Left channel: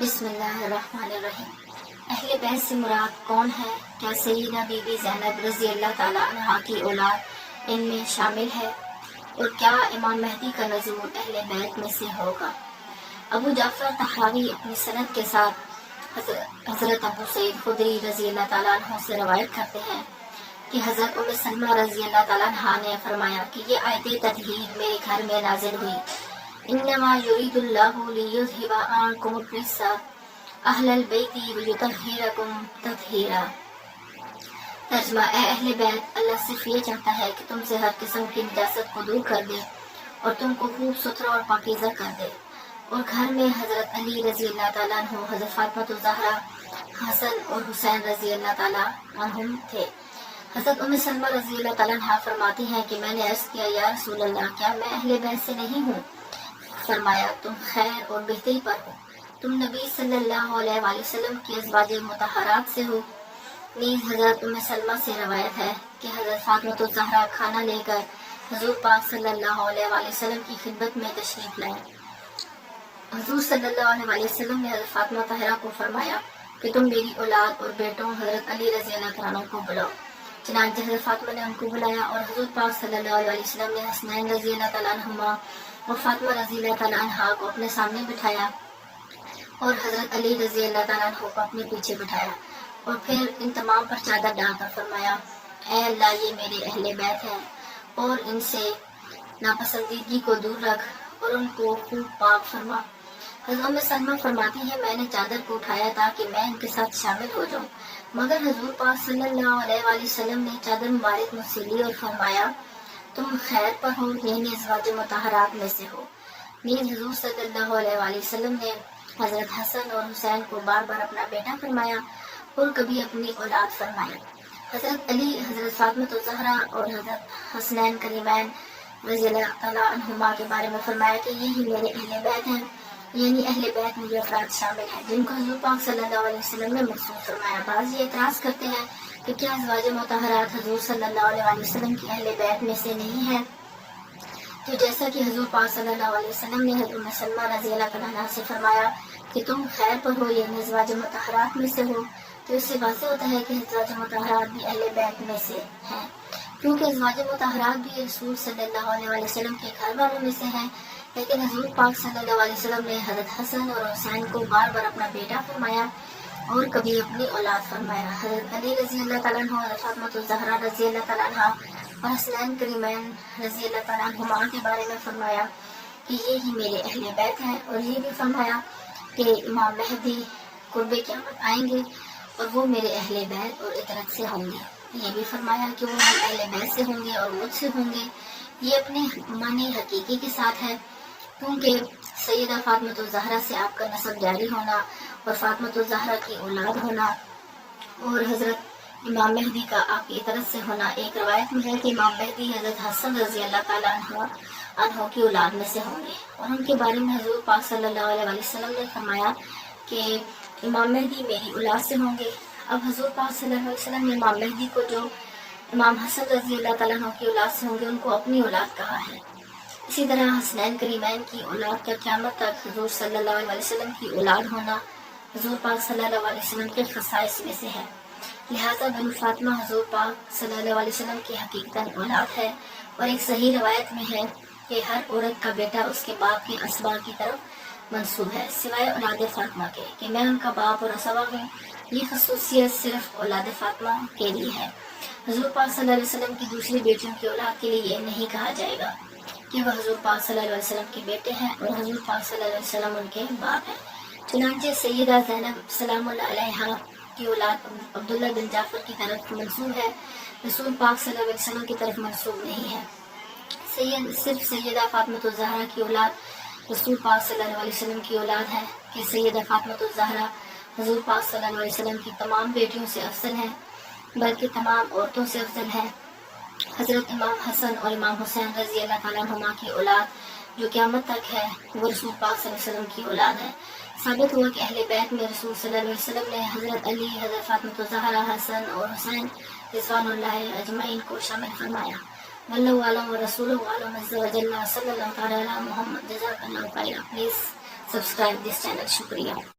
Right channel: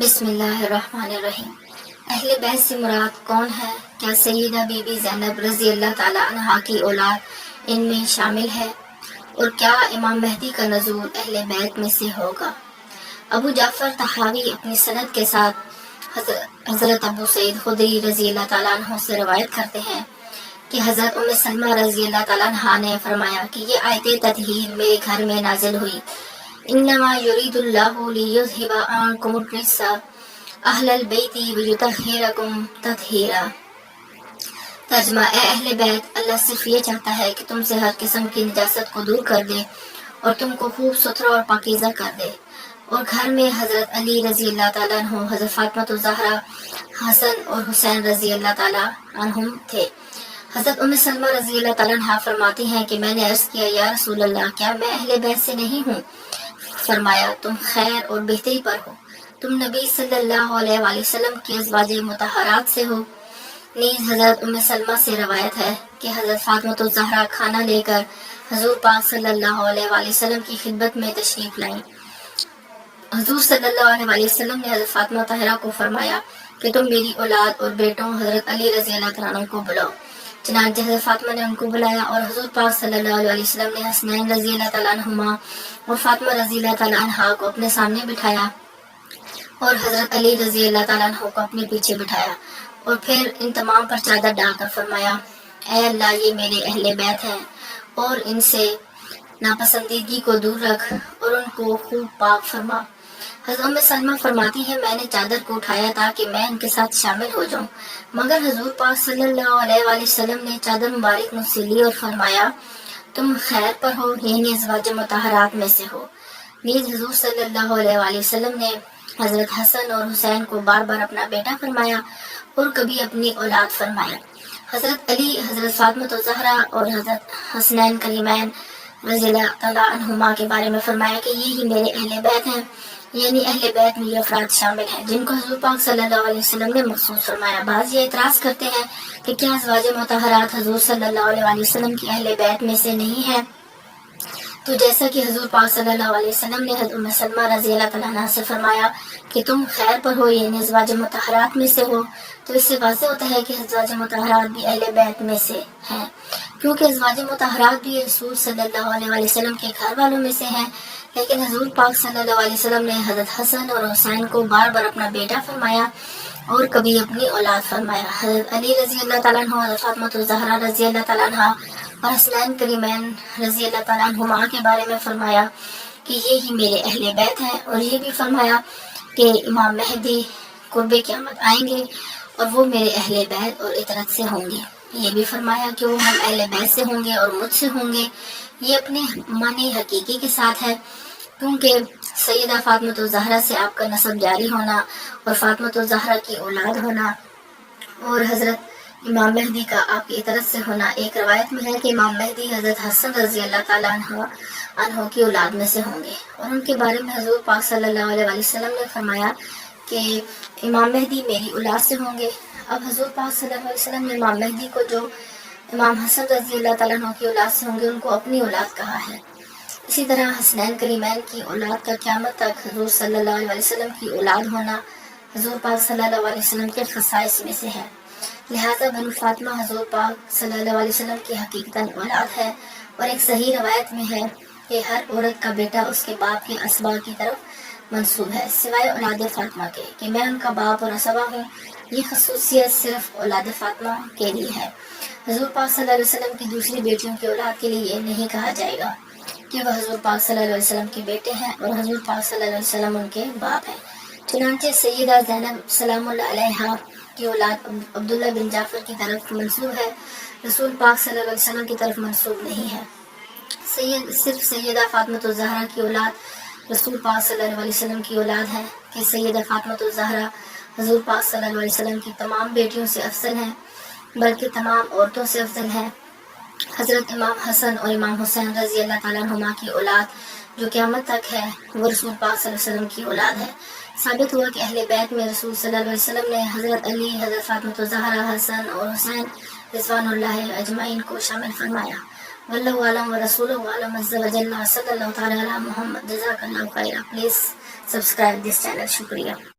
بسم اللہ الرحمن الرحیم۔ اہل بیت سے مراد کون ہے؟ کیا سیدہ بی بی زینب رضی اللہ تعالی عنہا کی اولاد ان میں شامل ہے؟ اور کیا امام مہدی کا نزول اہل بیت میں سے ہوگا؟ ابو جعفر طحاوی اپنی سند کے ساتھ حضرت ابو سعید خدری رضی اللہ تعالیٰ عنہ سے روایت کرتے ہیں کہ حضرت ام سلمہ رضی اللہ تعالیٰ عنہا نے فرمایا کہ یہ آیت تطہیر میرے گھر میں نازل ہوئی، انما یرید اللہ لیذھب عنکم الرجس اہل البیت ویطہرکم تطہیرا۔ ترجمہ: اے اہل بیت، اللہ صرف یہ چاہتا ہے کہ تم سے ہر قسم کی نجاست کو دور کر دے اور تم کو خوب ستھرا اور پاکیزہ کر دے۔ اور گھر میں حضرت علی رضی اللہ تعالیٰ عنہ، حضرت فاطمہ الزہرا، حسن اور حسین رضی اللہ تعالیٰ عنہم تھے۔ حضرت ام سلمہ رضی اللہ تعالیٰ عنہ فرماتی ہیں کہ میں نے عرض کیا، یا رسول اللہ، کیا میں اہل بیت سے نہیں ہوں؟ فرمایا، تم خیر اور بہتری پر ہو، تم نبی صلی اللہ علیہ وآلہ وسلم کی ازواج مطہرات سے ہو۔ نیز حضرت ام سلمہ سے روایت ہے کہ حضرت فاطمہ الزہرا کھانا لے کر حضور پاک صلی اللہ علیہ وآلہ وسلم کی خدمت میں تشریف لائیں۔ حضور صلی اللہ علیہ وآلہ وسلم نے حضرت فاطمہ طاہرہ کو فرمایا کہ تم میری اولاد اور بیٹوں حضرت علی رضی اللہ تعالیٰ عنہ کو بلاؤ۔ چنانچہ حضرت فاطمہ نے ان کو بلایا اور حضور پاک صلی اللہ علیہ وسلم نے حسنین رضی اللہ تعالیٰ عنہما اور فاطمہ رضی اللہ تعالیٰ عنہا کو اپنے سامنے بٹھایا اور حضرت علی رضی اللہ تعالیٰ عنہ کو اپنے پیچھے بٹھایا، اور پھر ان تمام پر چادر ڈال کر فرمایا، اے اللہ، یہ میرے اہل بیت ہیں اور ان سے ناپسندیدگی کو دور رکھ اور ان کو خوب پاک فرما۔ حضرت ام سلمہ فرماتی ہے، میں نے چادر کو اٹھایا تاکہ میں ان کے ساتھ شامل ہو جاؤں، مگر حضور پاک صلی اللہ علیہ وآلہ وسلم نے چادر مبارک مجھ سے لی اور فرمایا، تم خیر پر ہو، یعنی ازواج مطہرات میں سے ہو۔ نیز حضور صلی اللہ علیہ وآلہ وسلم نے حضرت حسن اور حسین کو بار بار اپنا بیٹا فرمایا اور کبھی اپنی اولاد فرمایا۔ حضرت علی، حضرت فاطمہ الزہرا اور حضرت حسنین کریمین رضی اللہ تعالیٰ عنہما کے بارے میں فرمایا کہ یہی میرے اہل بیت ہیں، یعنی اہل بیت میں یہ افراد شامل ہیں جن کو حضور پاک صلی اللہ علیہ وسلم نے مخصوص فرمایا۔ بعض یہ اعتراض کرتے ہیں کہ کیا ازواج مطہرات حضور صلی اللہ علیہ وآلہ وسلم کی اہل بیت میں سے نہیں ہیں؟ تو جیسا کہ حضور پاک صلی اللہ علیہ وسلم نے حضرت ام سلمہ رضی اللہ تعالیٰ عنہ سے فرمایا کہ تم خیر پر ہو، یعنی ازواج مطہرات میں سے ہو، تو اس سے واضح ہوتا ہے کہ ازواج مطہرات بھی اہل بیت میں سے ہیں، کیونکہ ازواج مطہرات بھی رسول صلی اللہ علیہ وآلہ وسلم کے گھر والوں میں سے ہیں۔ لیکن حضور پاک صلی اللہ علیہ وسلم نے حضرت حسن اور حسین کو بار بار اپنا بیٹا فرمایا اور کبھی اپنی اولاد فرمایا۔ حضرت علی رضی اللہ تعالیٰ عنہ، حضرت فاطمہ الزہرا رضی اللہ تعالیٰ عنہ اور حسنین کریمین رضی اللہ تعالیٰ عنہما کے بارے میں فرمایا کہ یہی میرے اہل بیت ہیں، اور یہ بھی فرمایا کہ امام مہدی قرب قیامت آئیں گے اور وہ میرے اہل بیت اور اطرت سے ہوں گے۔ یہ بھی فرمایا کہ وہ ہم اہل بیت سے ہوں گے اور مجھ سے ہوں گے۔ یہ اپنے معنی حقیقی کے ساتھ ہے، کیونکہ سیدہ فاطمہ الزہرا سے آپ کا نسب جاری ہونا اور فاطمہ الزہرا کی اولاد ہونا اور حضرت امام مہدی کا آپ کی اطرت سے ہونا۔ ایک روایت میں ہے کہ امام مہدی حضرت حسن رضی اللہ تعالیٰ عنہ کی اولاد میں سے ہوں گے، اور ان کے بارے میں حضور پاک صلی اللہ علیہ وآلہ وسلم نے فرمایا کہ امام مہدی میری اولاد سے ہوں گے۔ اب حضور پاک صلی اللہ علیہ وسلم نے امام مہدی کو جو امام حسن رضی اللہ تعالیٰ عنہ کی اولاد سے ہوں گے ان کو اپنی اولاد کہا ہے۔ اسی طرح حسنین کریمین کی اولاد کا قیامت تک حضور صلی اللہ علیہ وسلم کی اولاد ہونا حضور پاک صلی اللہ علیہ وسلم کے خصائص میں سے ہے، لہٰذا بنو فاطمہ حضور پاک صلی اللہ علیہ وسلم کی حقیقتاً اولاد ہے۔ اور ایک صحیح روایت میں ہے کہ ہر عورت کا بیٹا اس کے باپ کے اسبا کی طرف منسوب ہے، سوائے اولاد فاطمہ کے کہ میں ان کا باپ اور اسبا ہوں۔ یہ خصوصیت صرف اولاد فاطمہ کے لیے ہے۔ حضور پاک صلی اللہ علیہ وسلم کی دوسری بیٹیوں کی اولاد کے لیے یہ نہیں کہا جائے گا کہ وہ حضور پاک صلی اللہ علیہ وسلم کے بیٹے ہیں اور حضور پاک صلی اللہ علیہ وسلم ان کے باپ ہیں۔ چنانچہ سیدہ زینب سلام اللہ علیہا کی اولاد عبداللہ بن جعفر کی طرف منسوب ہے، رسول پاک صلی اللہ علیہ وسلم کی طرف منسوب نہیں ہے۔ صرف سیدہ فاطمہ الزہرا کی اولاد رسول پاک صلی اللہ علیہ وسلم کی اولاد ہے کہ سیدہ فاطمہ الزہرا حضور پاک صلی اللہ علیہ وسلم کی تمام بیٹیوں سے افضل ہیں، بلکہ تمام عورتوں سے افضل ہیں۔ حضرت امام حسن اور امام حسین رضی اللہ تعالیٰ عنہما کی اولاد جو قیامت تک ہے وہ رسول پاک صلی اللہ علیہ وسلم کی اولاد ہے۔ ثابت ہوا کہ اہل بیت میں رسول صلی اللہ علیہ وسلم نے حضرت علی، حضرت فاطمہ الزہرا، حسن اور حسین رضوان اللہ اجمعین کو شامل فرمایا۔ واللہ اعلم ورسولہ اعلم عز وجل۔ صلی اللہ تعالیٰ علی محمد۔ جزاک اللہ خیر۔ Please subscribe this channel. شکریہ۔